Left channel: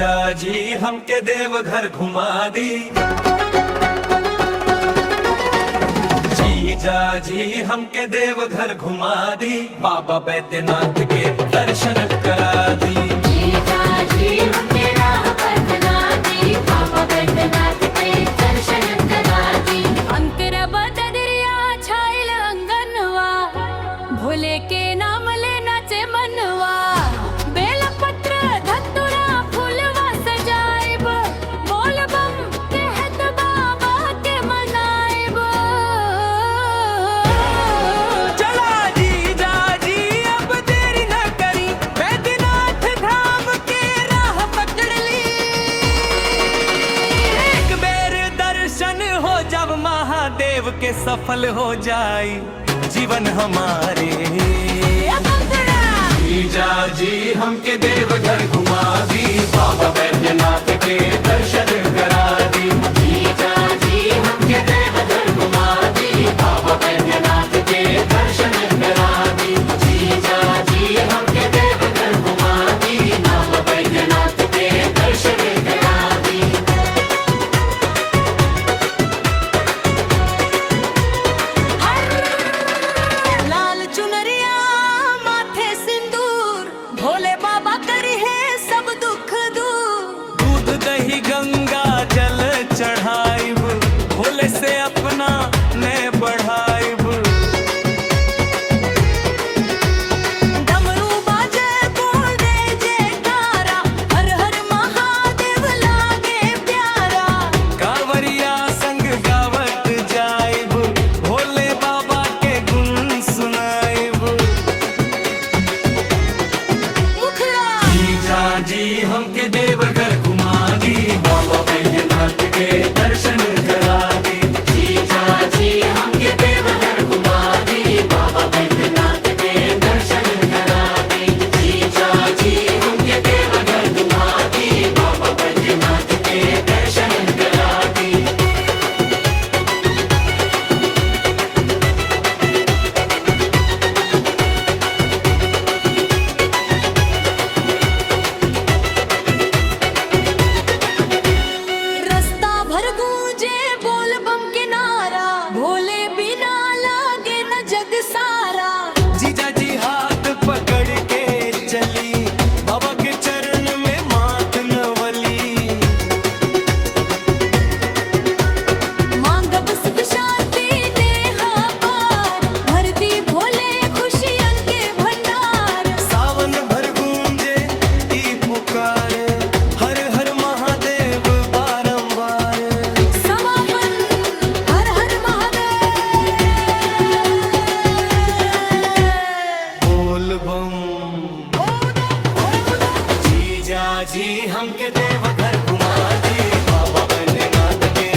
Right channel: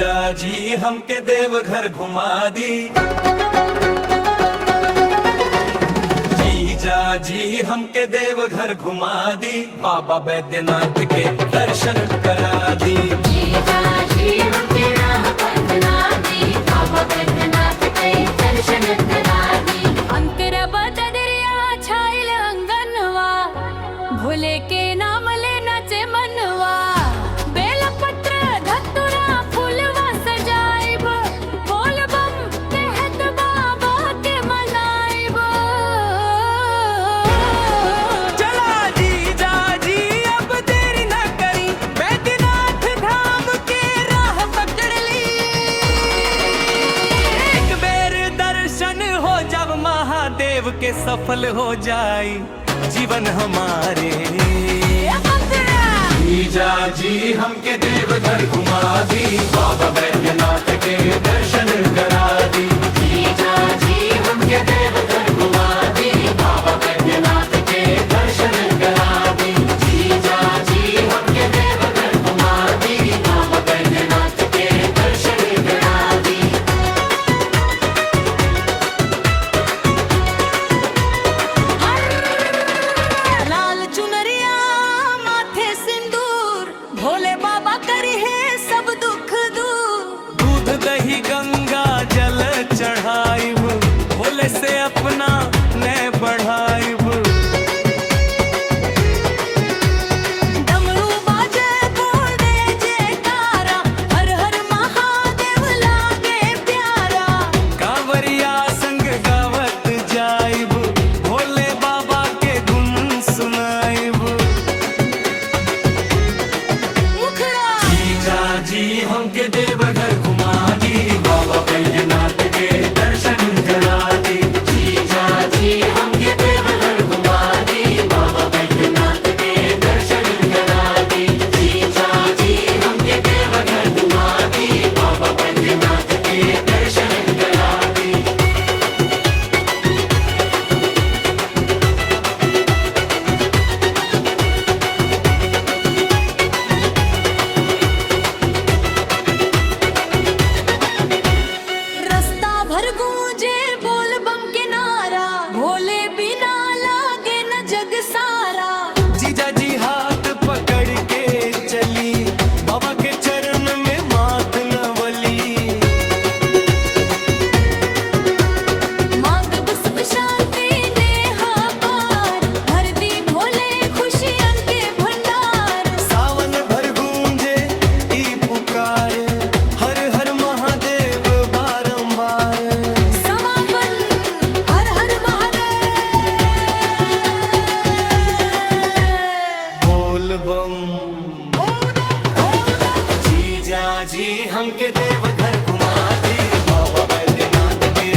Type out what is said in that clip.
जीजा जी हमके देवघर घुमा दी। जीजा जी हमके देवघर घुमा दी, बाबा बैद्यनाथ के दर्शन करा दी। जीजा जी हमके राह बदला दी, बाबा बैद्यनाथ के दर्शन करा दी। अंतर बदरिया छाइल अंगनवा, भोले के नाम ले नाचे मनवा। बेल पत्र धतुरा फूलवा सजाइब, बोल बम कहत बाबा के मनाइब। चला जीजा जी अब देरी न करी, बैद्यनाथ धाम के राह पकड़ ली। एक बेर दर्शन हो जब महादेव के, सफल हो जाई जीवन हमारे। जीजा जी हमके देवघर घुमा दी, बाबा बैद्यनाथ के दर्शन करा दी। जीजा जी हमके देवघर घुमा दी, बाबा बैद्यनाथ के दर्शन करा दी। जीजा जी हमके देवघर घुमा दी, बाबा बैद्यनाथ के दर्शन करा दी। लाल चुनरिया माथे सिंदूर, भोले बाबा करी है सब दुख दूर। दूध दही गंगा जल चढ़ाइब, भोले से अपना ने बढ़ाइब। डमरू बाजे बोल दे जयकारा, हर हर महादेव लागे प्यारा। कांवरिया संग गावत जाइब, भोले बाबा के गुण सुनाइब। मुखड़ा जीजा जी हमके देवघर घुमा दी, बाबा बैद्यनाथ के दर्शन करा दी। जीजा जी हमके देवघर घुमा दी, बाबा बैद्यनाथ के दर्शन करा दी। जीजा जी हमके देवघर घुमा दी, बाबा बैद्यनाथ के दर्शन करा दी। रास्ता भर गूंजे बोल बम के नारा, भोले बिना लागे न जग सारा। जीजा जी हाथ पकड़ के चली, बाबा के चरण में माथ नवली। मांगब सुख शांति नेहा पार, भर दी भोले खुशियन के भंडार। सावन भर गूंजे ई पुकार, हर हर महादेव बारंबार। समापन हर हर महादेव। बोल बम। जीजा जी हमके देवघर घुमा दी, बाबा बैद्यनाथ के